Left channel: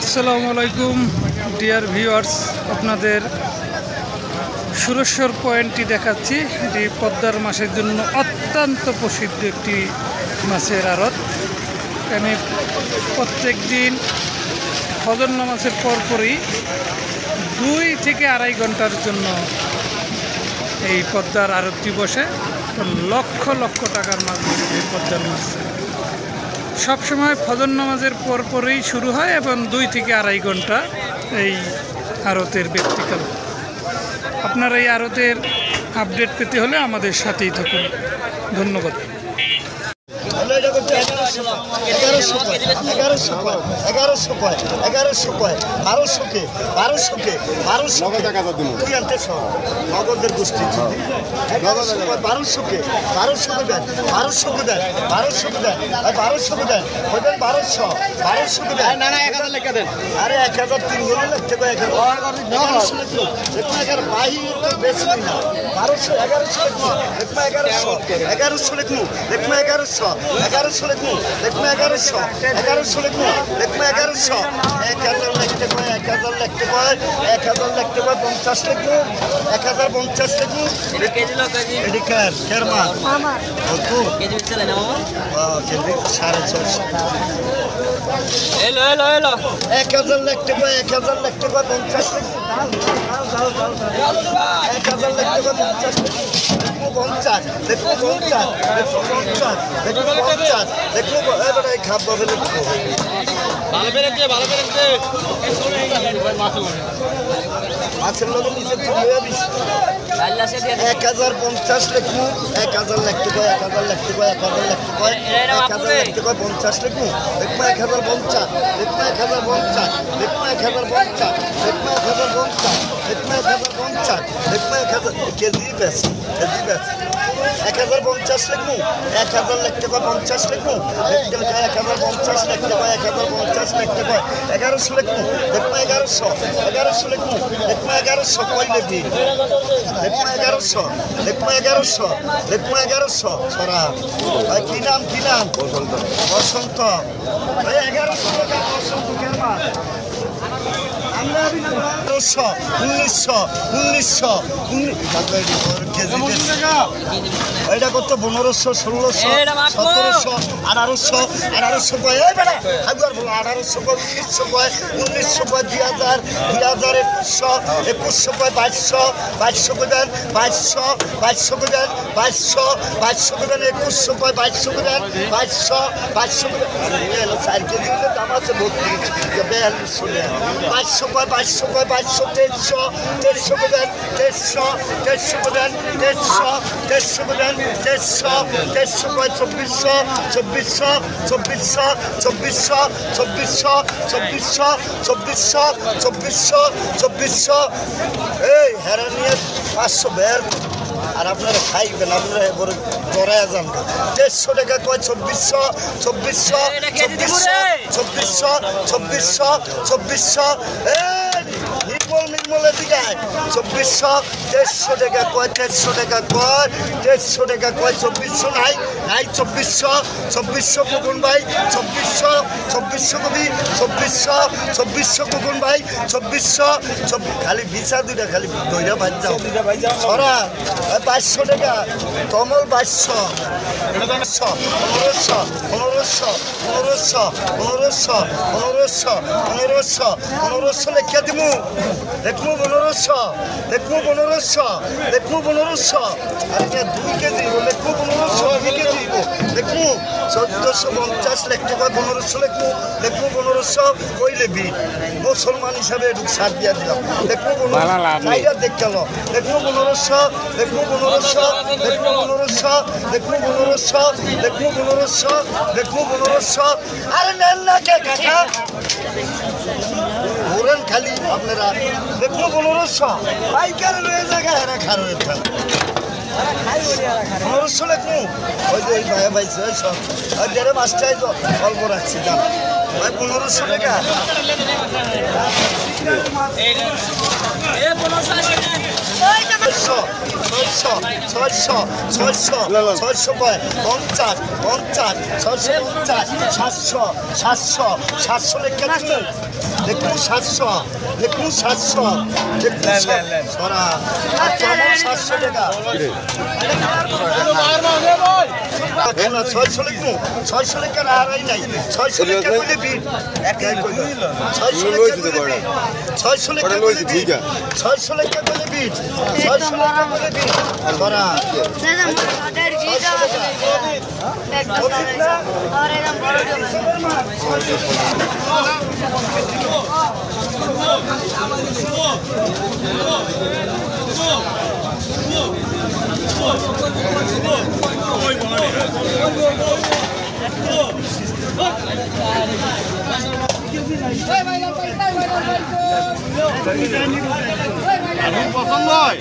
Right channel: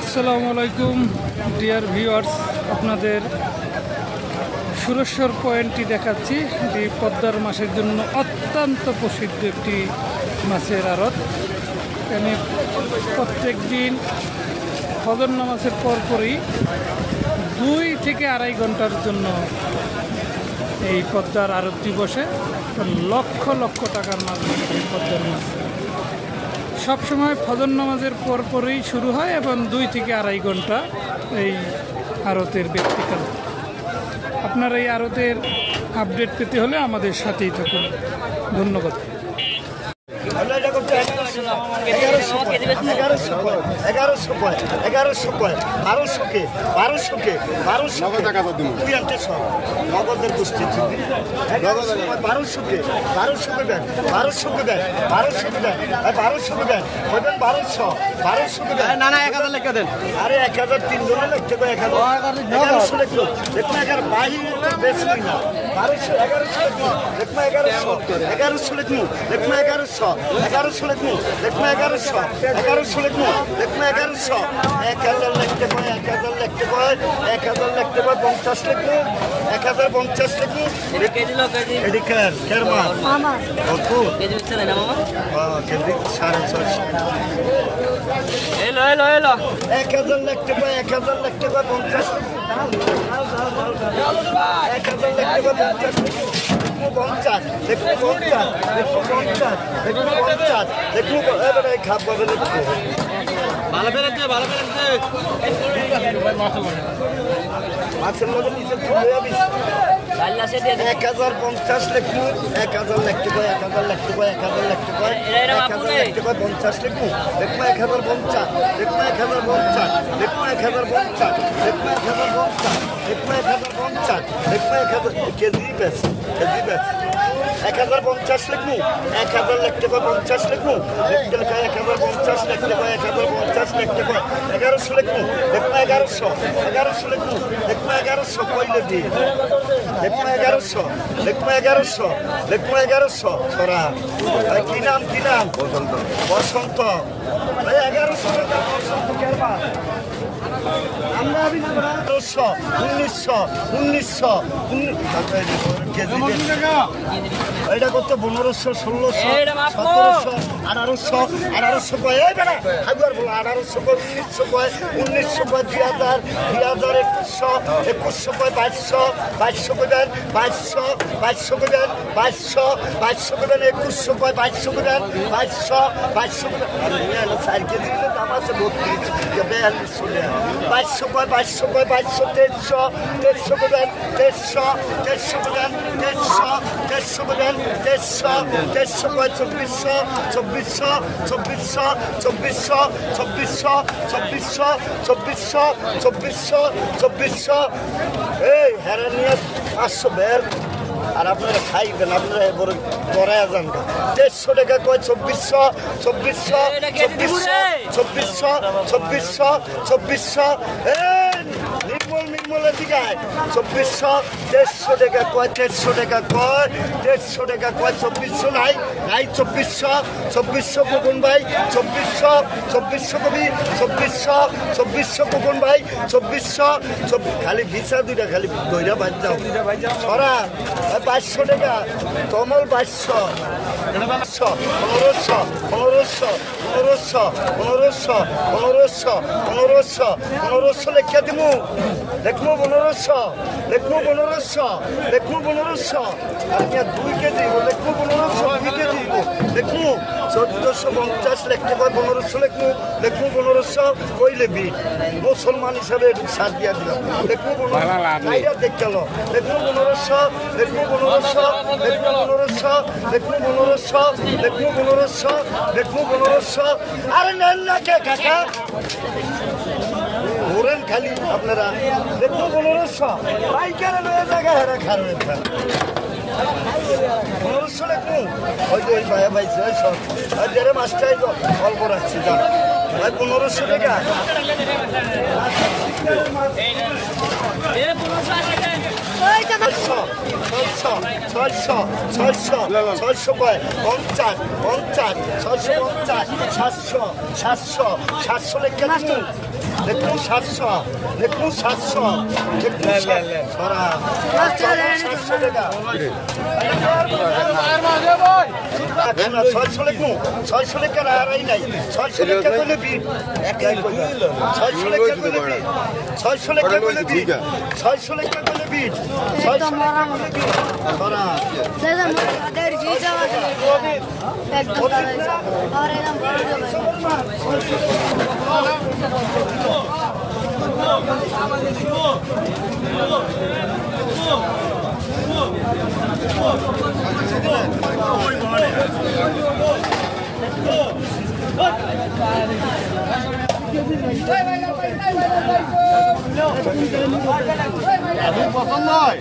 আসসালামু আলাইকুম dear viewers, আপনাদের সুরেশ্বর পয়েন্টটি দেখাচ্ছি। এটি পদ্মার মাছের জন্য অত্যন্ত প্রসিদ্ধ একটি মাছের আড়ত। এখানে প্রত্যেক দিন ফজর নামাজের পরপরই 2 থেকে 2.5 ঘন্টার জন্য এই পদ্মার আড়তটি বসে। লক্ষ লক্ষ টাকার মাছ এই পদ্মার মাছ সবসময় ফজর নামাজের পরপরই শুরু হয় এবং 2 থেকে 2.5 ঘন্টা এই আড়তের ব্যক্তিকাল। আপনারা এই আড়তের আপডেট পেতে হলে আমাদের সাথেই থাকুন। ধন্যবাদ। আরে 1003 জনে লিখতে কয় 1100 লিখলো দেখুন 11 বাহির বেশি না 1200 1100 লিখুন দেখুন 1100 লিখুন দেখুন 1100 লিখুন দেখুন 1100 1000 লিখতে কয় 1000 লিখতে কয় 50 লিখুন 1050 লিখুন কেজি লোক কেজি এদিকে শর্মা কত কেজি চলে না কেজি 650 এলো 1000 লিখতে কয় 1000 লিখতে কয় 50 লিখুন 1000 লিখতে কয় 50 মাছের লোক 1050 লিখুন 1000 লিখতে কয় 1000 লিখতে কয় 1000 লিখতে কয় 1000 লিখতে কয় 50 লিখুন দেখুন 1050 দেখুন 1050 দেখুন 1050 দেখুন 1050 দেখুন 1050 দেখুন 1000 কেজি বেশ 1050 লিখুন 1000 লিখতে কয় 50 লিখুন দেখতে কয় 1050 লিখতে কয় 1050 লিখতে কয় 1100 লিখুন দেখুন 1100 লিখুন দেখুন 1100 কয় লিখি দেখুন 1100 দেখুন 1100 সরা কি নাম বসন্ত ভাই 1100 টাকা বসন্ত কেরবা আমরা আবি না 1900 এটা কত 1500 1600 1700 1800 কয় এই বেটা হাজার বলো 1800 কয় 1900 কয় 2000 2100 কয় 2200 কয় 2200 কয় 2100 কয় 2200 কয় 2200 কয় আরে না 4 কেজি দাম আছে 32 2200 কয় 2300 কয় 2300 কয় 2400 এই হেরানিয়া 500 বের আর আপনারা খাইবেন আপনারা বড় গড়ায় যান 150 টাকা কয় 2400 নির্মল দিকে 2400 150 টাকা কয় 150 টাকা কয় 2400 নাই 2400 কোন ভাই 2400 কবি 2400 কোন ভাই 2400 খালি ভিসা দুইটা খালি দইরা বাজ যাও সরা 500 টাকা কমল 2200 1500 লেখা দিমু দেখবো 1500 আপনার 2 কেজি দেখবো 1500 2 কেজি দেখবো 1450 লিখতে কয় 1500 দেখবো 1500 কই লেবি মুসলমান হিসাবে একটু ছাড় দিয়া দিলাম দেখবো 1500 দেখতে লো দেখবো 1500 আরে নেন না কে কাকা ঘোরেন খালি আপনারা দেখবো 1500 পাইকার রয়ে জায়গা হারা খারাপ 1500 লিখবো ওই যে ওই ভাইয়া ভাই সব আর যারা মাছটাই অল্প রাখছি দাম ভাই 1500 টাকা ছয়শো কয় 50 50 650 700 700 700 লেখা দেখুন 700 দেখুন 700 দেখুন সরা 700 টাকা না 600 লিখুন 600 লেখা না আর নাই 600 লেখা কইলে বিল 600 লেখা কইলে বিল 600 লেখা কইলে বিল 600 লেখা কইলে বিল 600 লেখা কইলে বিল সরা দাদা মোটার জিজা একদম আর একদম বড় পছন্দ হয়